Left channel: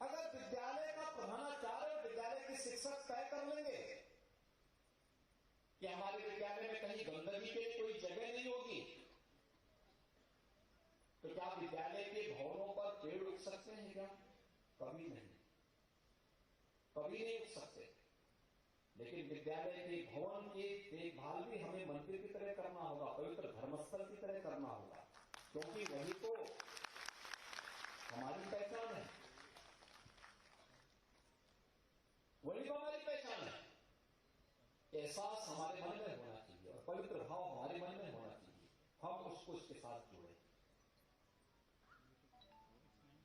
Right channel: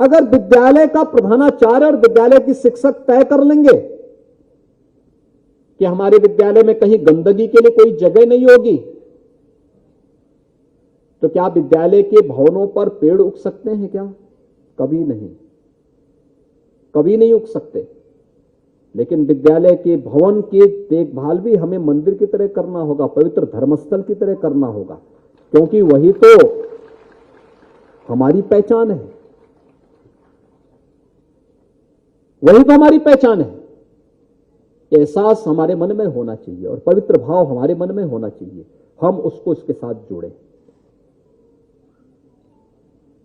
अगर विद्यालय का प्रधानाचार्य और विद्यालय की शिक्षक तय कर लेंगे कि हमारे विद्यालय में कहीं गंदगी के लिए कोई जगह नहीं होगी, तो क्या विद्यालय के भवनों पर पेड़ उग सकते हैं क्या? कभी नहीं, कभी नहीं उग सकते। लेकिन विद्यालय के भवन की देखभाल भी हमें मंदिर की तरह करना होगा, पवित्र धर्मस्थल की तरह करना होगा, क्योंकि वही तो हमारी पहचान है, वही तो हमारी पहचान है। एहसास हमारे मन में होना चाहिए और पवित्र भाव हमारे मन में होना चाहिए, हम उसको इसके साथ जोड़ें।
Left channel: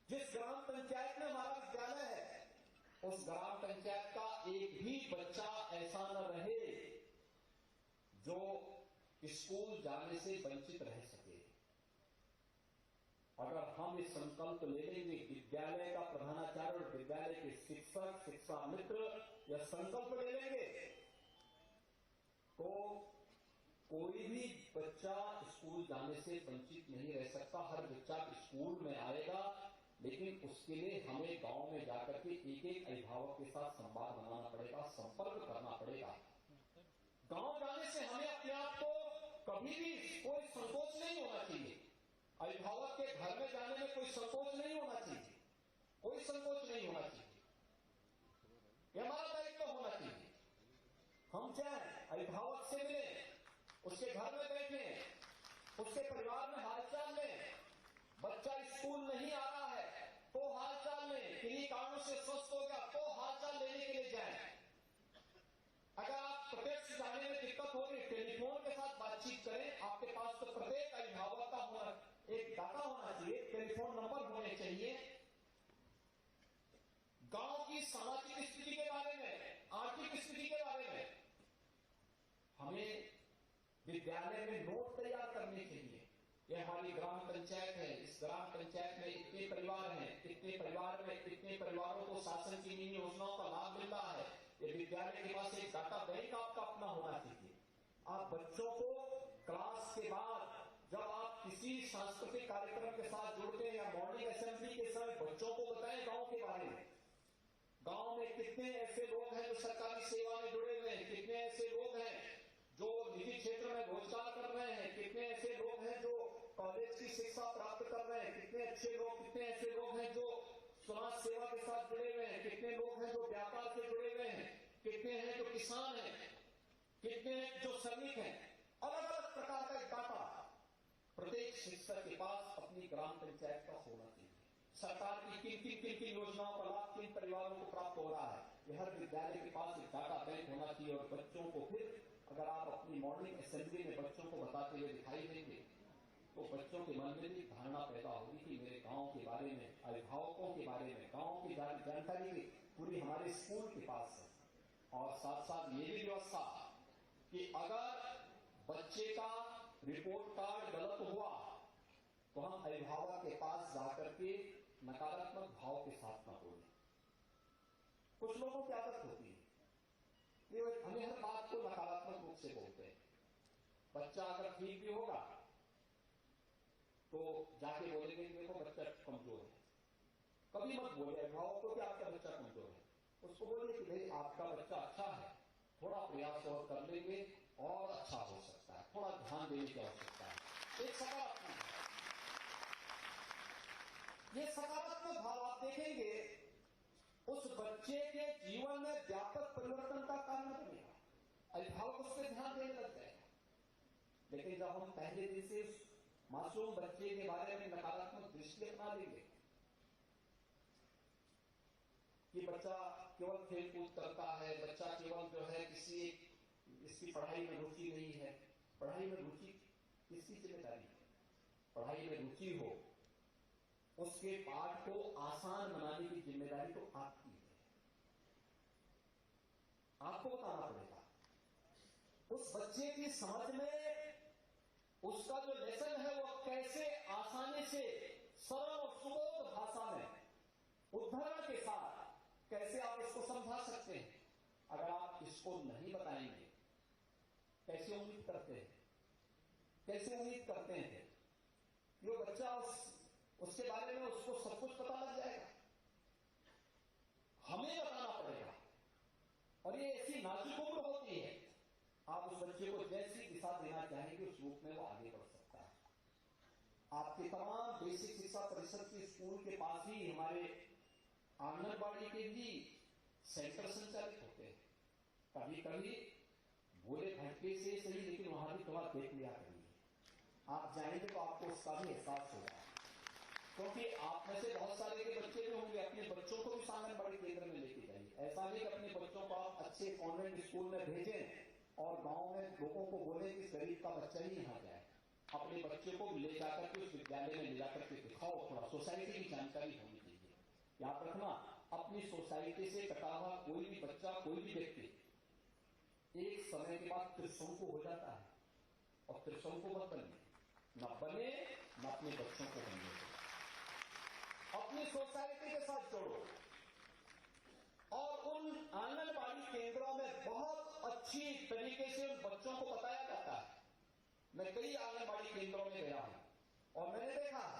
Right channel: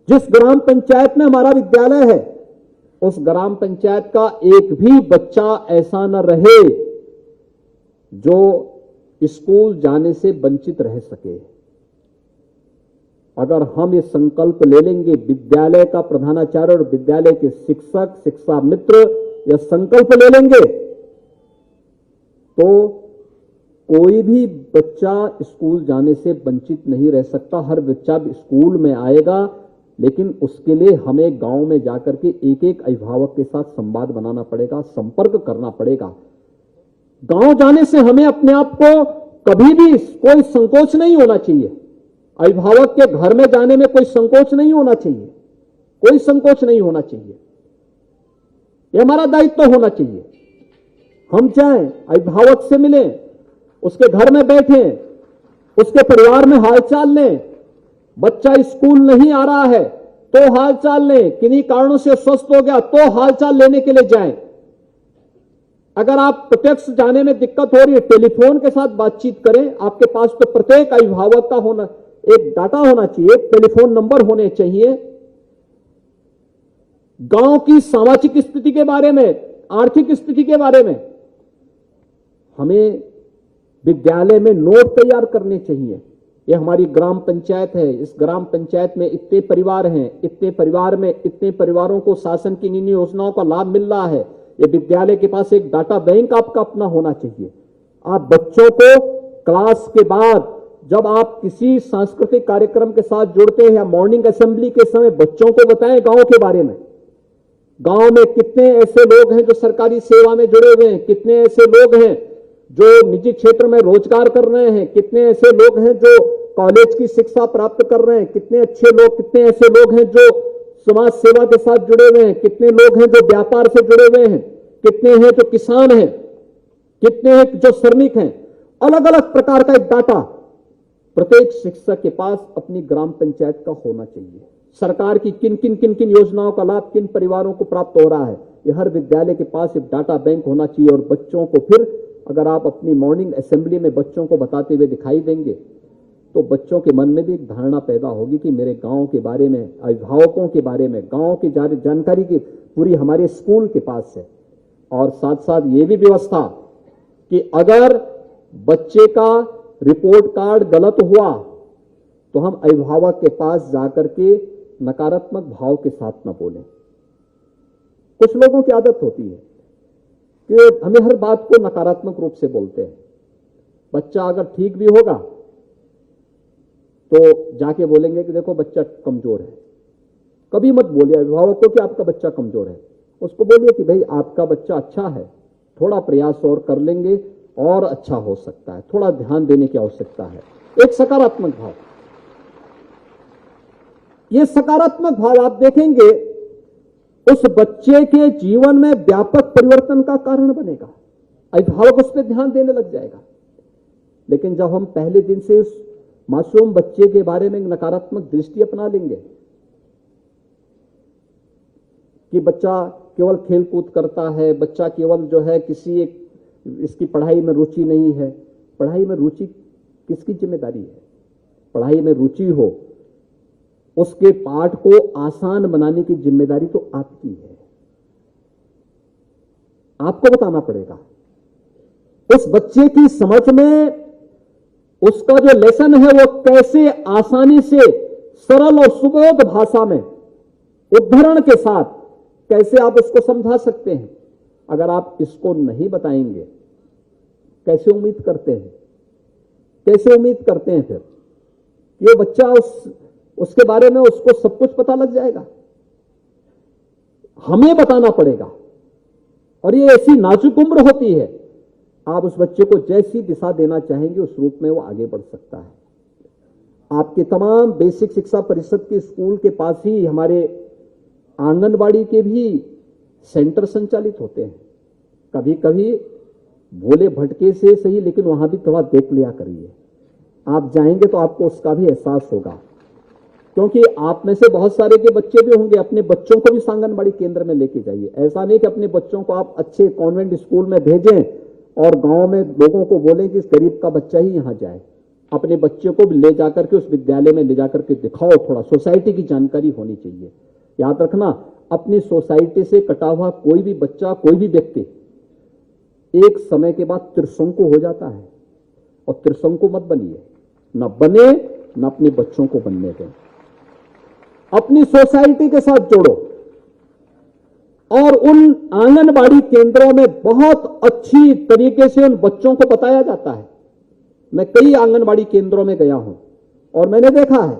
जिस ग्राम पंचायत में हमारा विद्यालय है, उस ग्राम पंचायत का एक भी बच्चा ऐसा न रहे जो स्कूल जाने से वंचित रह सके। अगर हम ये संकल्प ले लेंगे, विद्यालय का प्रधानाचार्य और विद्यालय के शिक्षक, शिक्षा मित्र यह संकल्प ले लेंगे, तो कोई भी बच्चा स्कूल जाने से वंचित नहीं रह सकता। हर बच्चा स्कूल में आएगा, लेकिन उसके लिए हमें गांव में जाकर के एक एक अभिभावक के साथ संवाद बनाना पड़ेगा, संपर्क करना पड़ेगा। गांव जाने से हमें अपने आप को कभी भी कोई संकोच नहीं होना चाहिए। अभिभावक के घर में जाने में कोई संकोच नहीं होना चाहिए, कोई संकोच नहीं होना चाहिए। यह हमारा दायित्व होना चाहिए। हम जाएं, अभिभावक से मिलें, उसके घर में बैठें, उसके परिवार में हालचाल लें। बच्चा स्कूल नहीं आ रहा है तो हालचाल लें, किन्हीं कारणों से स्वस्थ हो गया तो हालचाल लेने के लिए जाएं। अगर आप प्रत्यक्ष जाने में दिक्कत हो रही है, टेलीफोन के साथ बातचीत करें। आपके पास तो प्रत्येक अभिभावक का होना एक डाटा होना चाहिए, टेलीफोन नंबर होने चाहिए। गांव की सामाजिक स्थिति के बारे में, आर्थिक स्थिति के बारे में हमें विद्यालय में नोट तैयार करने चाहिए। यह हमारी ग्राम पंचायत है, इस ग्राम पंचायत में इतने परिवार हैं, इतने परिवार में इतने परिवारों को शासन की इन योजनाओं का लाभ मिल रहा है। यह विद्यालय के पास एक डाटा बैंक आपका अपना होना चाहिए। आप बच्चों को क्लास के बाद जब आप किसी सांस्कृतिक कार्यक्रम के साथ जुड़ते हैं या मॉर्निंग असेंबली के समय बच्चों को बताएं गांव के बारे में। गांव में कितने ऐसे लोग हैं जो सरकारी सेवा में जुड़े हुए हैं, कितने ऐसे लोग हैं जो निजी क्षेत्र में रोजगार कर रहे हैं, कितने ऐसे लोग हैं जो कॉलेज की शिक्षा प्राप्त कर रहे हैं, कितने अच्छे लोग, कितने ऐसे लोग हैं जो समाज सेवा के साथ जुड़े हुए हैं, कितने लोग हैं जो व्यापार से जुड़े हुए हैं, कितने हैं जो किसान हैं, कितने हैं जो श्रमिक हैं। अलग अलग प्रकार का एक डाटा प्रत्येक शिक्षक के पास अपनी ग्राम पंचायत का होना चाहिए। सरकार की किन किन किन किन योजनाओं का लाभ किन परिवारों को प्राप्त हो रहा है, यह हर विद्यालय के पास एक डाटा बैंक होना चाहिए। और बच्चों को फिर अगर आप अपनी मॉर्निंग असेंबली में बच्चों को बताते हुए दिखाई देंगे, तो बच्चों के मन में भी एक धारणा पैदा होगी कि मेरे गांव के बारे में, अभिभावकों के बारे में, गांव की जानकारी की पूरी हमारे स्कूल के पास है। और साथ साथ ये भी व्यवस्था कि अगर बच्चे का रिपोर्ट कार्ड गलत हुआ तो हम अभिभावक के पास जाकर के नकारात्मक भाव के साथ न बोलें। कुछ लोगों की आदत होती है कि हमें हर बात को नकारात्मक रूप से बोलते हैं। बच्चा अगर ठीक भी होगा तो जाके बोलेंगे कि देखो बच्चा कमजोर है। कभी मत बोलिए अभिभावक को कि आपका बच्चा कमजोर है, उसको बोलिए कि भाई आपका बच्चा अच्छा है, थोड़ा प्रयास और कर लेंगे और अच्छा हो सकता है, थोड़ा ध्यान देने की आवश्यकता है। एक सकारात्मक भाव, ये सकारात्मक भाव आप देखेंगे उस बच्चे के जीवन में व्यापक परिवर्तन का कारण बनेगा। अभिभावक उस पर ध्यान देने लग जाएगा। लेकिन जब हम पहले दिन से इस मासूम बच्चे के बारे में नकारात्मक दृष्टि अपना लेंगे कि बच्चा केवल खेल कूद करता है, बच्चा केवल जो है किसी एक इसकी पढ़ाई में रुचि नहीं है। पढ़ाई में रुचि किसकी जिम्मेदारी है? पढ़ाई में रुचि हो, उसके पाठ को आसान बनाने की जिम्मेदारी तो आपकी है। आपको बताना पड़ेगा। उस बच्चे की समझ में उसका जो लेसन है वो कैसे आसानी से सरल और सुबोध भाषा में उदाहरण के साथ कैसे आप उसको समझा सकते हैं। अगर आप इसको नहीं बताएंगे, कैसे उम्मीद करते हैं? कैसे उम्मीद करते हैं फिर ये बच्चा उसके बारे में उसको सब कुछ पता लग जाएगा? हमें बताना पड़ेगा। और ये ऐसी नाजुक उम्र होती है, आप उस बच्चे को जैसी दिशा देना चाहेंगे उस रूप में वो आगे बढ़ सकता है। आपके तमाम बेसिक शिक्षा परिषद के स्कूल के पास ही हमारे आंगनबाड़ी के भी सेंटर संचालित होते हैं। कभी कभी भोले भटके से सही, लेकिन वहां भी थोड़ा देख लिया करिए। आप जाएंगे तो आपको उसका भी एहसास होगा, क्योंकि आप में से बहुत सारे के बच्चे भी होंगे। अपने बच्चों को भी आंगनबाड़ी केंद्र में लेके जाइए। ऐसा नहीं कि अपने बच्चों को आप अच्छे कॉन्वेंट स्कूल में भेजें और गांव में लोगों को बोलें कि इस गरीब का बच्चा ही यहां जाए। अपने बच्चे को भी ले जाकर के उस विद्यालय में ले जाकर के दिखाओ। थोड़ा सोसाइटी की जानकारी होनी चाहिए। याद रखना, अपनी सोसाइटी से कटा हुआ कोई भी बच्चा, कोई भी व्यक्ति एक समय के बाद त्रिशंकु हो जाता है। और त्रिशंकु मत बनिए, न बने, न अपने बच्चों को बनने दें। अपनी सोसाइटी के साथ जोड़ो। और उन आंगनबाड़ी केंद्रों में बहुत अच्छी तरीके से उन बच्चों को बताया जाता है। मैं कई आंगनबाड़ी केंद्रों में गया हूं और मैंने देखा है।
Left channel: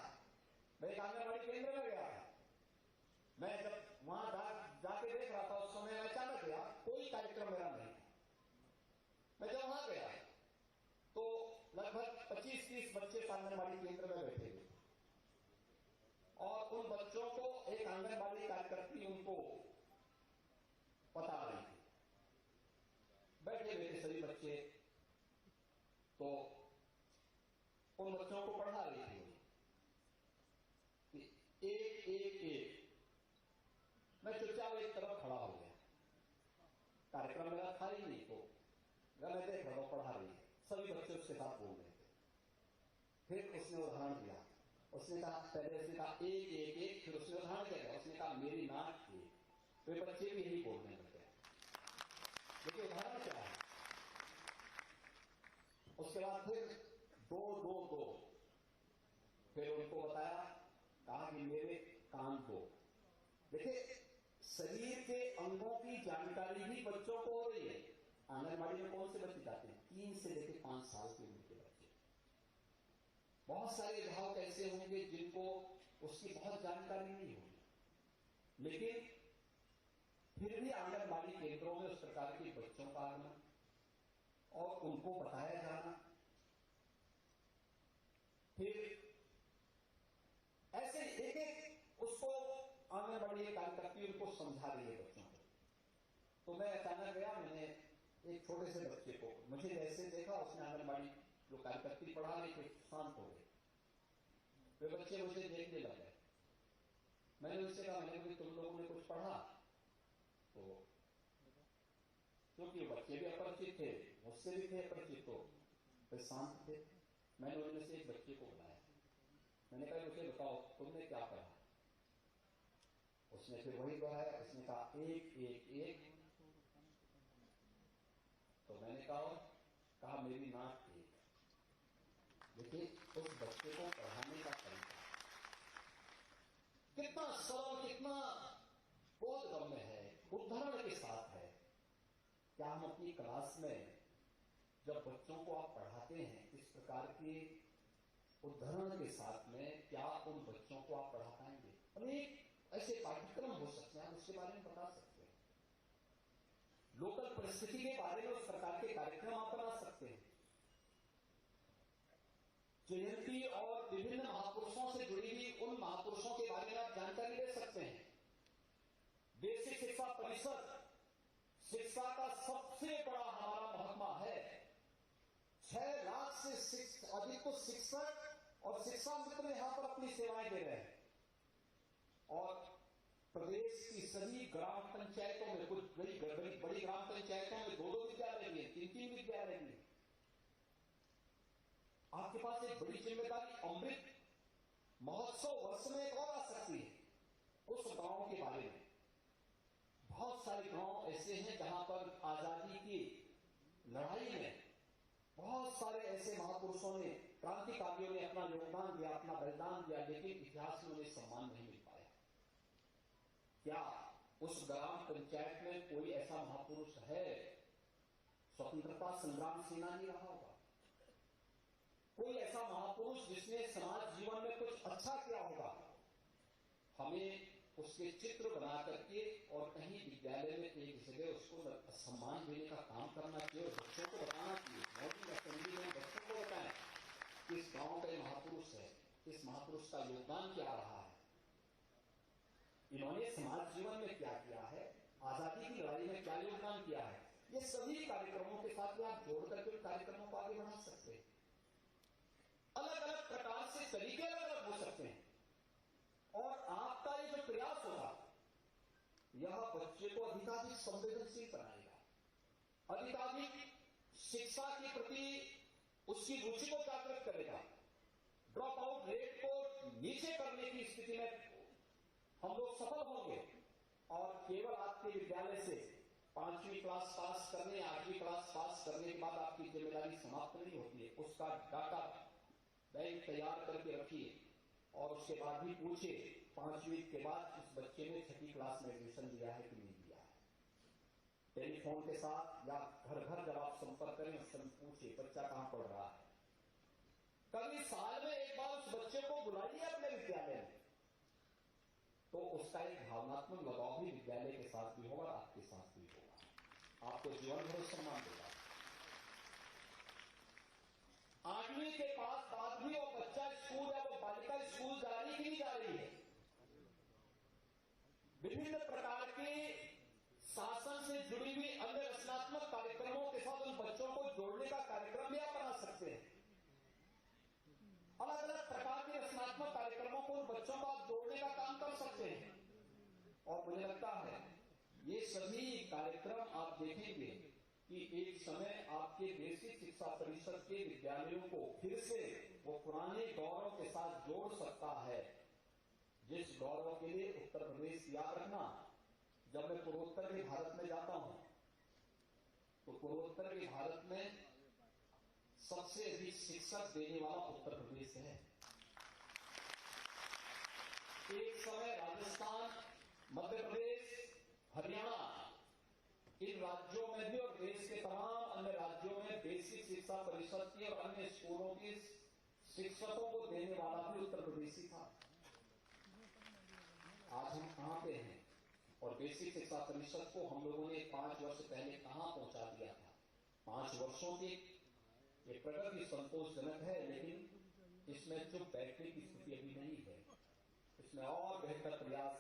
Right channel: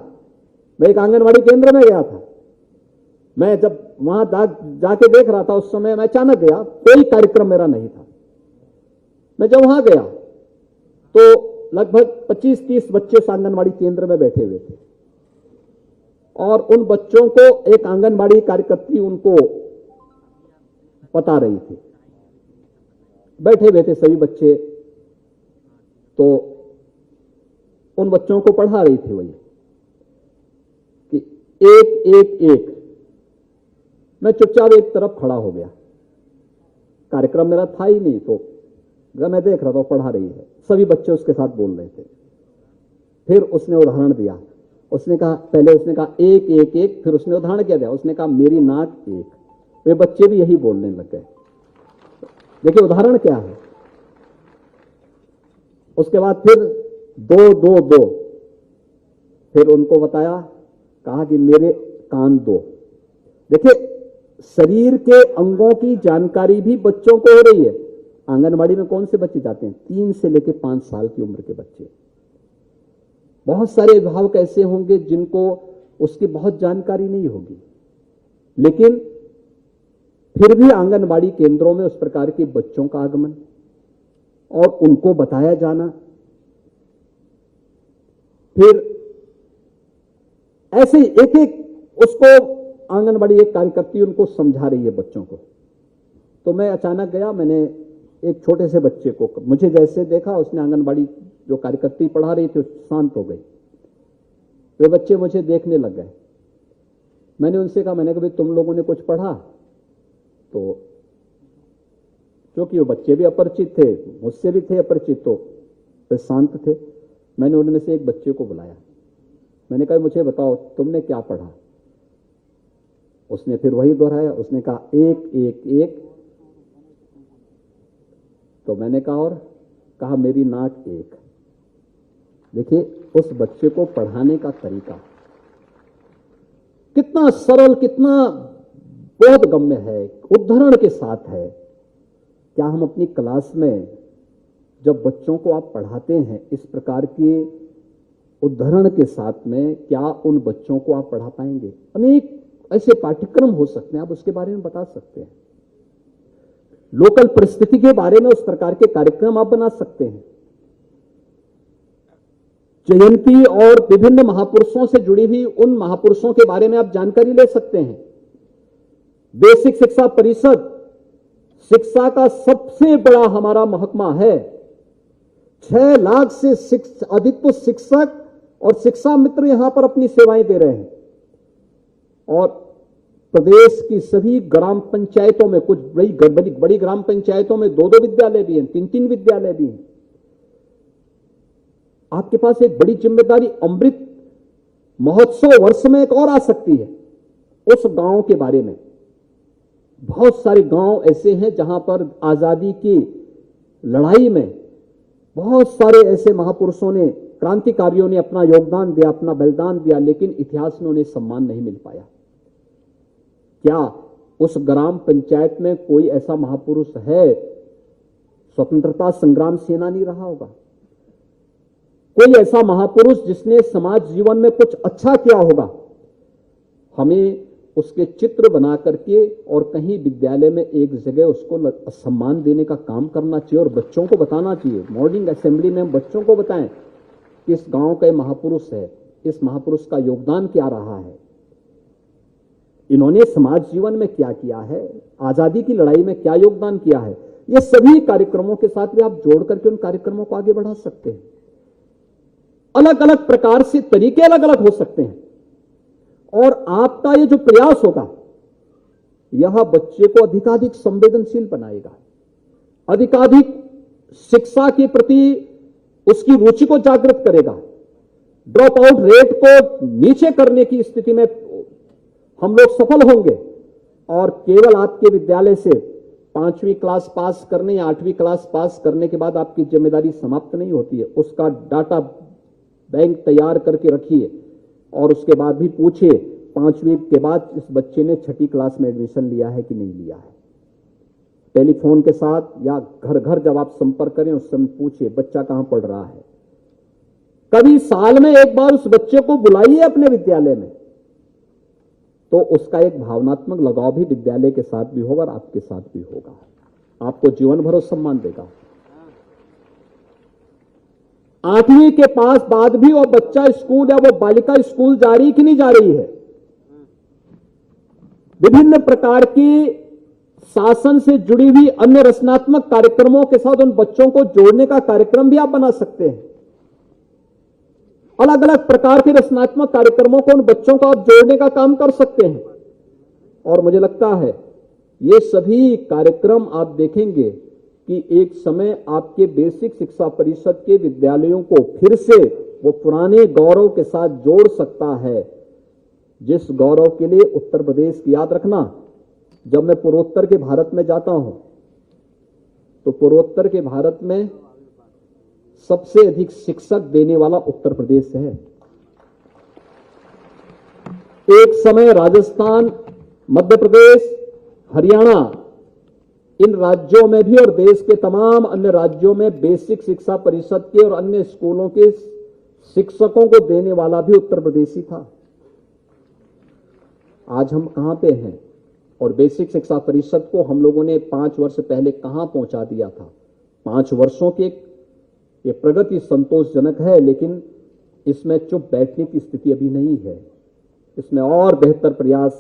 मैं एक आंगनबाड़ी केंद्र में गया था। मैं जब वहां जाके देख रहा था, उस समय मैं अचानक गया, कोई कार्यक्रम मेरा नहीं था। मैं जब वहां गया तो लगभग 25-30 बच्चे आंगनबाड़ी केंद्र में बैठे हुए थे और उन बच्चों को एक आंगनबाड़ी कार्यकर्त्री उनको बता रही थी। बैठे हुए थे सभी बच्चे, तो उन बच्चों को पढ़ा रही थी वही कि एक एक एक। मैं चुपचाप एक तरफ खड़ा हो गया। कार्यक्रम मेरा था ही नहीं, तो मैं देख रहा था पढ़ा रही है, सभी बच्चे उसके साथ बोल रहे थे। फिर उसने उदाहरण दिया। उसने कहा, पहले उसने कहा एक एक एक, फिर उसने उदाहरण क्या दिया, उसने कहा मेरी नाक एक। वे बच्चे भी यही बोलने लग गए। देखिए उदाहरण क्या है। उसके बाद फिर दो दो दो, फिर उनको बताया, कहा कि मेरे कान दो। देखिए शरीर के अंगों की जानकारी भी बच्चों को हो रही है। आंगनबाड़ी में कौन से बच्चे जाते हैं? 3 से लेकर 5 साल की उम्र के बच्चे। बहुत सारे अभिभावक ऐसे होंगे जिनको उसकी बहुत जानकारी नहीं होगी, लेकिन फिर भी आंगनबाड़ी केंद्रों में उस प्रकार के बच्चों का आगमन और उनको बताया जाना। फिर ऐसे एक एक उसको आंगनबाड़ी एक कार्यकर्ती उनको समझा रही है बच्चों को। तो मैं अचानक गया, मैंने एक छोटे से बच्चे को, मुझे जैसे देखा, उसने आंगनबाड़ी जो कार्यकर्ती पढ़ा रही थी शांत हो गई। वे बच्चे मुझे देखने लग गए। मैंने उनसे कहा, मैंने कहा तुम लोगों ने कुछ पढ़ा? तो क्योंकि वो बच्चे भी अपरिचित थे, मुझसे भी थे अपरिचित, तो वे शांत थे। मैंने उनमें से एक बच्चे को बुलाया। मैंने कहा मुझे बताओ तुमने क्या पढ़ा? उसने फिर वही दोहराया। उसने कहा एक एक एक। तो मैंने कहा और? कहा मेरी नाक एक। देखिए उस बच्चे को पढ़ाने का तरीका कितना सरल, कितना बोधगम्य है, उदाहरण के साथ है। क्या हम अपनी क्लास में जब बच्चों को आप पढ़ाते हैं इस प्रकार के उदाहरण के साथ में, क्या उन बच्चों को आप पढ़ा पाएंगे? अनेक ऐसे पाठ्यक्रम हो सकते हैं, आप उसके बारे में बता सकते हैं। लोकल परिस्थिति के बारे में उस प्रकार के कार्यक्रम आप बना सकते हैं। जयंती और विभिन्न महापुरुषों से जुड़ी हुई उन महापुरुषों के बारे में आप जानकारी ले सकते हैं। बेसिक शिक्षा परिषद शिक्षा का सबसे बड़ा हमारा महकमा है। 6 लाख से अधिक तो शिक्षक और शिक्षा मित्र यहां पर अपनी सेवाएं दे रहे हैं। और प्रदेश की सभी ग्राम पंचायतों में, कुछ बड़ी ग्राम पंचायतों में 2-2 विद्यालय भी हैं, 3-3 विद्यालय भी हैं। आपके पास एक बड़ी जिम्मेदारी अमृत महोत्सव वर्ष में एक और आ सकती है। उस गांव के बारे में, बहुत सारे गांव ऐसे हैं जहां पर आजादी की लड़ाई में बहुत सारे ऐसे महापुरुषों ने, क्रांतिकारियों ने अपना योगदान दिया, अपना बलिदान दिया, लेकिन इतिहास में उन्हें सम्मान नहीं मिल पाया। क्या उस ग्राम पंचायत में कोई ऐसा महापुरुष है? स्वतंत्रता संग्राम सेनानी रहा होगा, कोई ऐसा महापुरुष जिसने समाज जीवन में कुछ अच्छा किया होगा। हमें उसके चित्र बना करके और कहीं विद्यालय में एक जगह उसको सम्मान देने का काम करना चाहिए और बच्चों को बताना चाहिए। मॉर्निंग असेंबली में हम बच्चों को बताएं कि इस गांव का महापुरुष है, इस महापुरुष का योगदान क्या रहा है, इन्होंने समाज जीवन में क्या किया है, आजादी की लड़ाई में क्या योगदान किया है। ये सभी कार्यक्रमों के साथ भी आप जोड़ करके उन कार्यक्रमों को आगे बढ़ा सकते हैं। अलग अलग प्रकार से तरीके अलग अलग हो सकते हैं और आपका ये जो प्रयास होगा यह बच्चे को अधिकाधिक संवेदनशील बनाएगा, अधिकाधिक शिक्षा के प्रति उसकी रुचि को जागृत करेगा। ड्रॉप आउट रेट को नीचे करने की स्थिति में हम लोग सफल होंगे और केवल आपके विद्यालय से 5वीं क्लास पास करने या 8वीं क्लास पास करने के बाद आपकी जिम्मेदारी समाप्त नहीं होती है। उसका डाटा बैंक तैयार करके रखिए और उसके बाद भी पूछिए 5वीं के बाद इस बच्चे ने 6ठी क्लास में एडमिशन लिया है कि नहीं लिया है। टेलीफोन के साथ या घर घर जब आप संपर्क करें उस समय पूछिए बच्चा कहां पढ़ रहा है। कभी साल में एक बार उस बच्चे को बुलाइए अपने विद्यालय में, तो उसका एक भावनात्मक लगाव भी विद्यालय के साथ भी होगा और आपके साथ भी होगा, आपको जीवन भर सम्मान देगा। 8वीं के पास बाद भी वो बच्चा स्कूल या वो बालिका स्कूल जा रही कि नहीं जा रही है, विभिन्न प्रकार की शासन से जुड़ी हुई अन्य रचनात्मक कार्यक्रमों के साथ उन बच्चों को जोड़ने का कार्यक्रम भी आप बना सकते हैं। अलग अलग प्रकार के रचनात्मक कार्यक्रमों को उन बच्चों को आप जोड़ने का काम कर सकते हैं और मुझे लगता है ये सभी कार्यक्रम आप देखेंगे कि एक समय आपके बेसिक शिक्षा परिषद के विद्यालयों को फिर से वो पुराने गौरव के साथ जोड़ सकता है, जिस गौरव के लिए उत्तर प्रदेश की याद रखना, जब मैं पूर्वोत्तर के भारत में जाता हूं तो पूर्वोत्तर के भारत में सबसे अधिक शिक्षक देने वाला उत्तर प्रदेश है। एक समय राजस्थान, मध्य प्रदेश, हरियाणा, इन राज्यों में भी और देश के तमाम अन्य राज्यों में बेसिक शिक्षा परिषद के और अन्य स्कूलों के शिक्षकों को देने वाला भी उत्तर प्रदेश ही था। आज हम कहां पे हैं और बेसिक शिक्षा परिषद को हम लोगों ने 5 वर्ष पहले कहां पहुंचा दिया था। 5 वर्षों के ये प्रगति संतोषजनक है, लेकिन इसमें चुप बैठने की स्थिति अभी नहीं है। इसमें और बेहतर प्रयास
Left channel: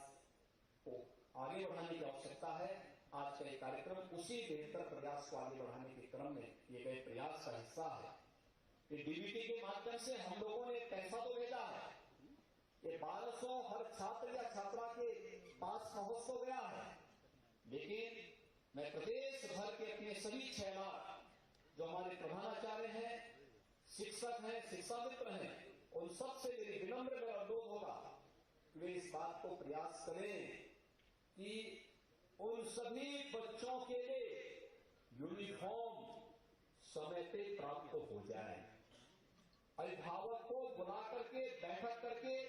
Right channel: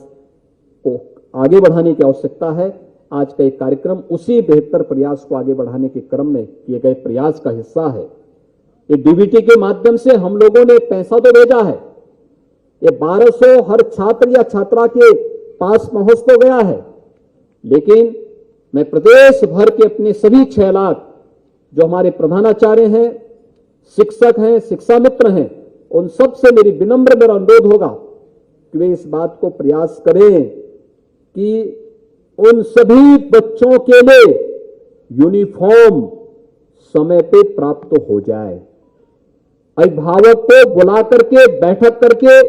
को आगे बढ़ाने की आवश्यकता है। आज का एक कार्यक्रम उसी बेहतर प्रयास को आगे बढ़ाने के क्रम में किए गए प्रयास का हिस्सा है। ये डीबीटी के माध्यम से हम लोगों ने पैसा तो भेजा है, ये 1200 हर छात्र या छात्रा के पास पहुंच तो गया है, लेकिन मैं प्रदेश भर के अपने सभी 6 लाख जो हमारे प्रधानाचार्य हैं, शिक्षक हैं, शिक्षा मित्र हैं, उन सब से मेरा अनुरोध होगा कि वे इस बात को प्रयास करें कि उन सभी बच्चों के लिए यूनिफॉर्म समय पे प्राप्त हो जाए। अभिभावक को बुला करके बैठक करके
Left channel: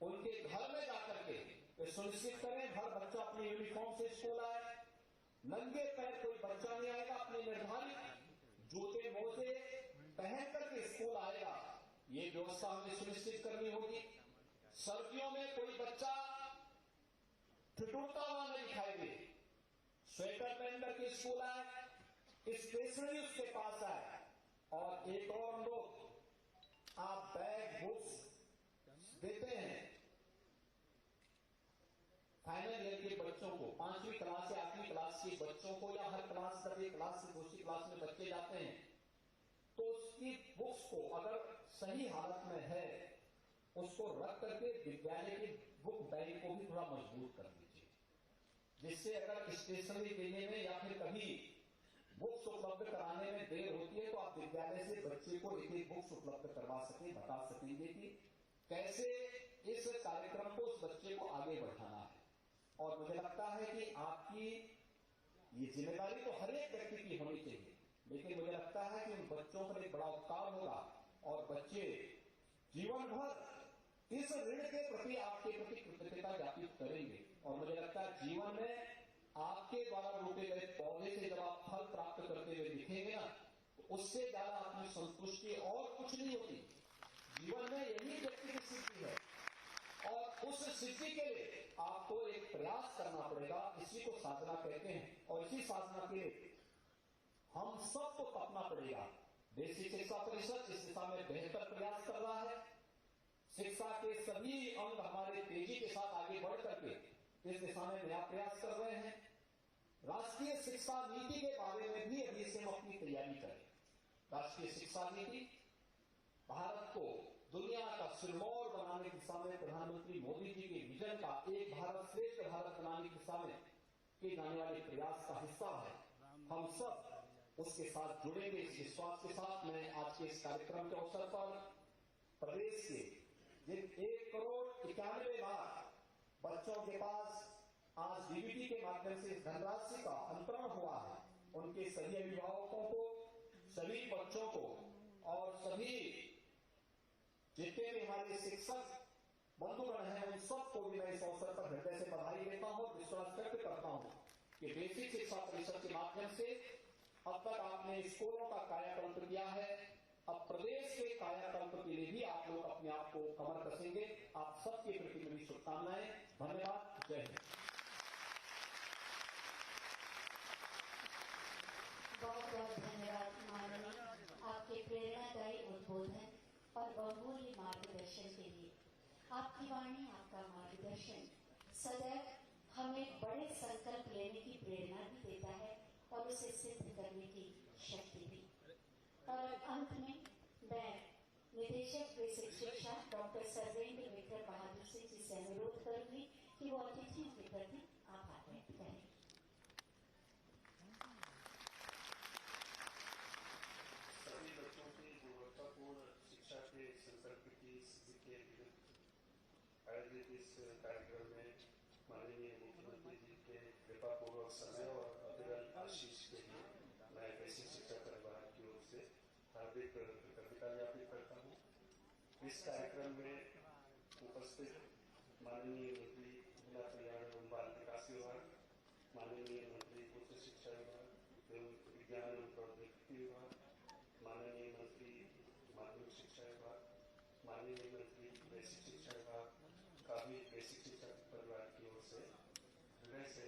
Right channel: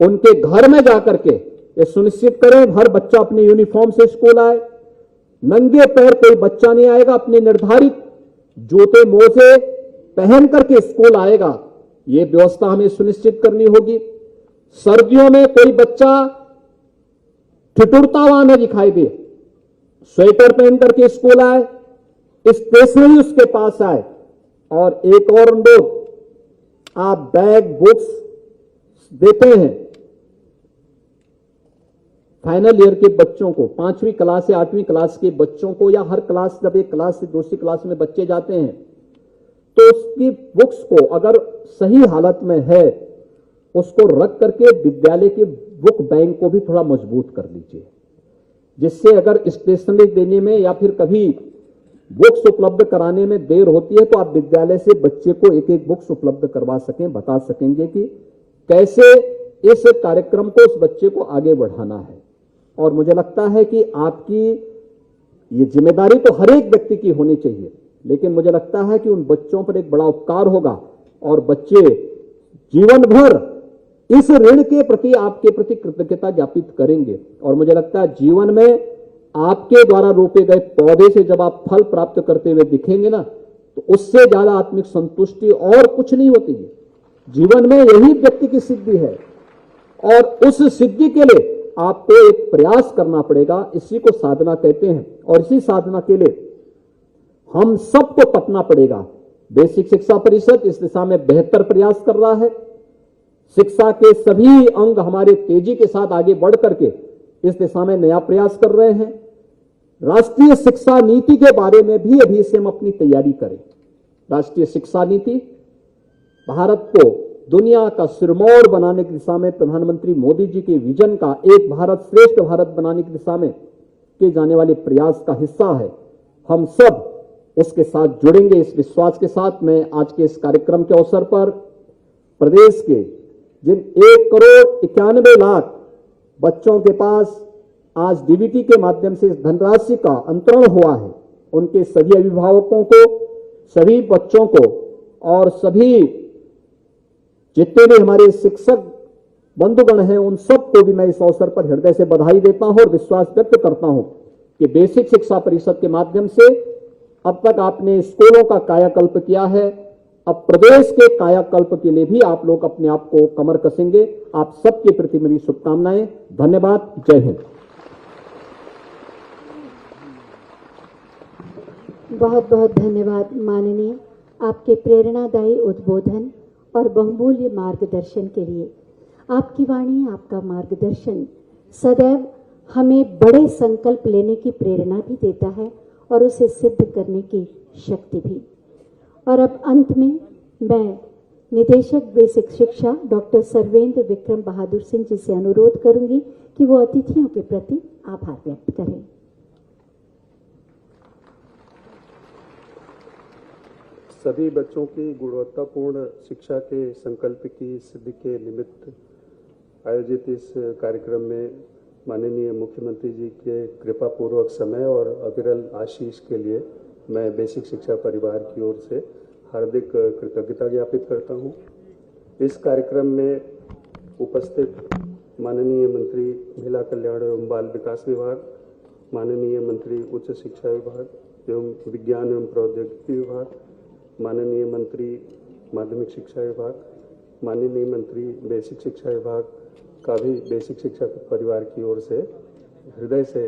उनके घर में जाकर के ये सुनिश्चित करें हर बच्चा अपने यूनिफॉर्म से स्कूल आए। नंगे पैर कोई बच्चा नहीं आएगा, अपने निर्धारित जूते मोजे पहन करके स्कूल आएगा, ये व्यवस्था हमें सुनिश्चित करनी होगी। सर्दियों में कोई बच्चा ठिठुरता हुआ न दिखाई दे, स्वेटर पहन करके स्कूल आए, स्टेशनरी उसके पास आए। और एक और अनुरोध, आप बैग बुक्स देते हैं फाइनल ईयर के बच्चों को, 5वीं क्लास से 8वीं क्लास के बच्चों को, या हर क्लास जब एक क्लास से दूसरी क्लास में बच्चे जाते हैं तो उसकी बुक्स को अगर सही हालत में है उसको रख करके विद्यालय के बुक बैंक को भी थोड़ा मजबूत कर लीजिए, जिससे अगर स्टेशनरी देने में या फिर कभी बुक्स उपलब्ध कराने में देर होती है तो आप विद्यालय से बच्चे को एक एक बुक्स उपलब्ध करवा सकें, बता सकेंगे कि कैसे इस कार्यक्रम को उस बच्चे को आगे बढ़ाना है। और मुझे लगता है कि आपकी ये जिम्मेदारी तो हर एक व्यक्ति की होनी चाहिए, लेकिन मुझे लगता है कि उन बच्चों पर एक बड़ा उपकार होगा और बच्चे जीवन भर इस ऋण के प्रति आपके प्रति कृतज्ञता ज्ञापित करेंगे। और मुझे लगता है जीवन में आपके द्वारा रोपे गए पौधे से जब आप फल प्राप्त करते हुए दिखेंगे ना, तो उससे ज्यादा आत्मिक संतुष्टि और कुछ नहीं होती। जीवन में यही व्यक्ति की सिद्धि है और उस सिद्धि के लिए आपको एक प्रयास करना पड़ेगा। इसी को साधना कहते हैं और इसी साधना के लिए हम सबको तपना पड़ेगा। बेसिक शिक्षा परिषद इस दिशा में बेहतर प्रयास कर रहा है। शिक्षा के सभी अंग हमारे तेजी के साथ आगे बढ़ करके इस दिशा में नया प्रयास कर रहे हैं। राष्ट्रीय शिक्षा नीति के बारे में भी अभी से हम अपनी तैयारी करें। राष्ट्रीय शिक्षा नीति भारत को दुनिया का सिरमौर बनाने की दिशा में प्रधानमंत्री मोदी जी के विजन का एक भारत श्रेष्ठ भारत बनाने की दिशा में किए जाने वाले प्रयास का हिस्सा है। हम सब उसके साथ जुड़ेंगे। इस विश्वास के साथ मैं आज के इस कार्यक्रम के अवसर पर प्रदेश के जिन 1,91,00,000 बच्चों के पास आज डीबीटी के माध्यम से इस धनराशि का अंतरण हुआ है, उनके सभी अभिभावकों को, सभी बच्चों को और सभी जितने भी हमारे शिक्षक बंधुगण हैं उन सबको भी मैं इस अवसर पर हृदय से बधाई देता हूं और विश्वास व्यक्त करता हूं कि बेसिक शिक्षा परिषद के माध्यम से अब तक आपने स्कूलों का कायाकल्प किया है। अब प्रदेश के कायाकल्प के लिए भी आप लोग अपने आप को कमर कसेंगे। आप सबके प्रति मेरी शुभकामनाएं। धन्यवाद। जय हिंद। बहुत बहुत धन्यवाद माननीय, आपके प्रेरणादायी उद्बोधन और बहुमूल्य मार्गदर्शन के लिए। आपकी वाणी, आपका मार्गदर्शन सदैव हमें बड़े संकल्प लेने की प्रेरणा भी देता है और उसे सिद्ध करने की शक्ति भी। और अब अंत में मैं निदेशक बेसिक शिक्षा डॉक्टर सर्वेंद्र विक्रम बहादुर सिंह जी से अनुरोध करूंगी कि वो अतिथियों के प्रति आभार व्यक्त करें। सभी बच्चों की गुणवत्तापूर्ण शिक्षा के संकल्प की सिद्धि के निमित्त आयोजित इस कार्यक्रम में माननीय मुख्यमंत्री जी के कृपापूर्वक समय और अविरल आशीष के लिए मैं बेसिक शिक्षा परिवार की ओर से हार्दिक कृतज्ञता ज्ञापित करता हूं। इस कार्यक्रम में उपस्थित माननीय मंत्री महिला कल्याण एवं बाल विकास विभाग, माननीय मंत्री उच्च शिक्षा विभाग एवं विज्ञान एवं प्रौद्योगिकी विभाग, माननीय मंत्री माध्यमिक शिक्षा विभाग, माननीय मंत्री बेसिक शिक्षा विभाग का भी बेसिक शिक्षा परिवार की ओर से हृदय से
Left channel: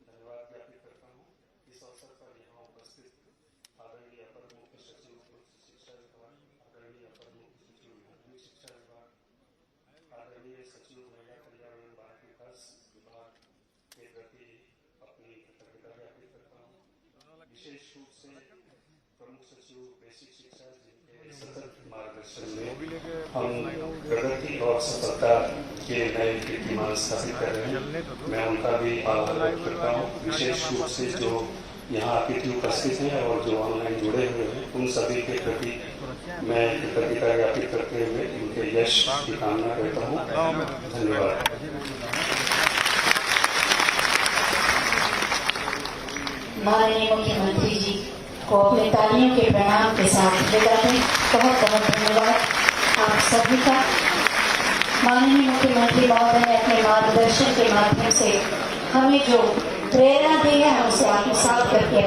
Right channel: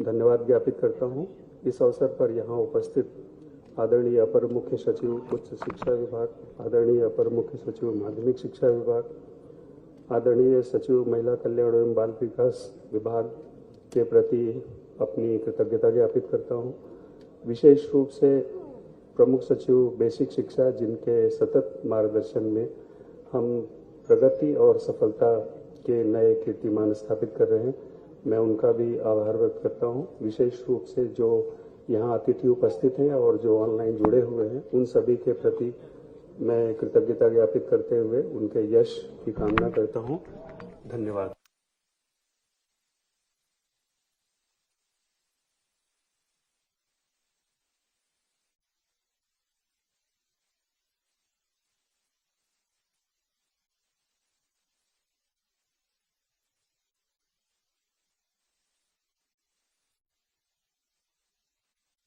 धन्यवाद ज्ञापित करता हूं। इस अवसर पर यहाँ उपस्थित आदरणीय अपर मुख्य सचिव उच्च शिक्षा विभाग, आदरणीय अपर मुख्य सचिव माध्यमिक शिक्षा विभाग, आदरणीय सचिव महिला कल्याण एवं बाल विकास विभाग के प्रति अपनी कृतज्ञता ज्ञापित करता हूँ। विशेष रूप से प्रमुख सचिव बेसिक शिक्षा, जिनके सतत मार्गदर्शन में हम प्रगति और सफलता के नए कीर्तिमान स्थापित कर रहे हैं, मैं उनका भी आभार व्यक्त करता हूँ। विशेष रूप से जो यहाँ अतिथि उपस्थित हैं और जो ऑनलाइन जुड़े हुए हैं, उन सभी के प्रति मैं कृतज्ञता ज्ञापित करते हुए उनके यश की कामना करता हूँ। धन्यवाद। माननीय मुख्यमंत्री जी को अपने तालियों के प्रणाम के साथ विदा दें। बहुत बहुत धन्यवाद आप सभी का। माननीय मुख्यमंत्री महोदय ने अपने मार्गदर्शन के माध्यम से हमें जो प्रेरणा दी है, हम उसे आत्मसात करके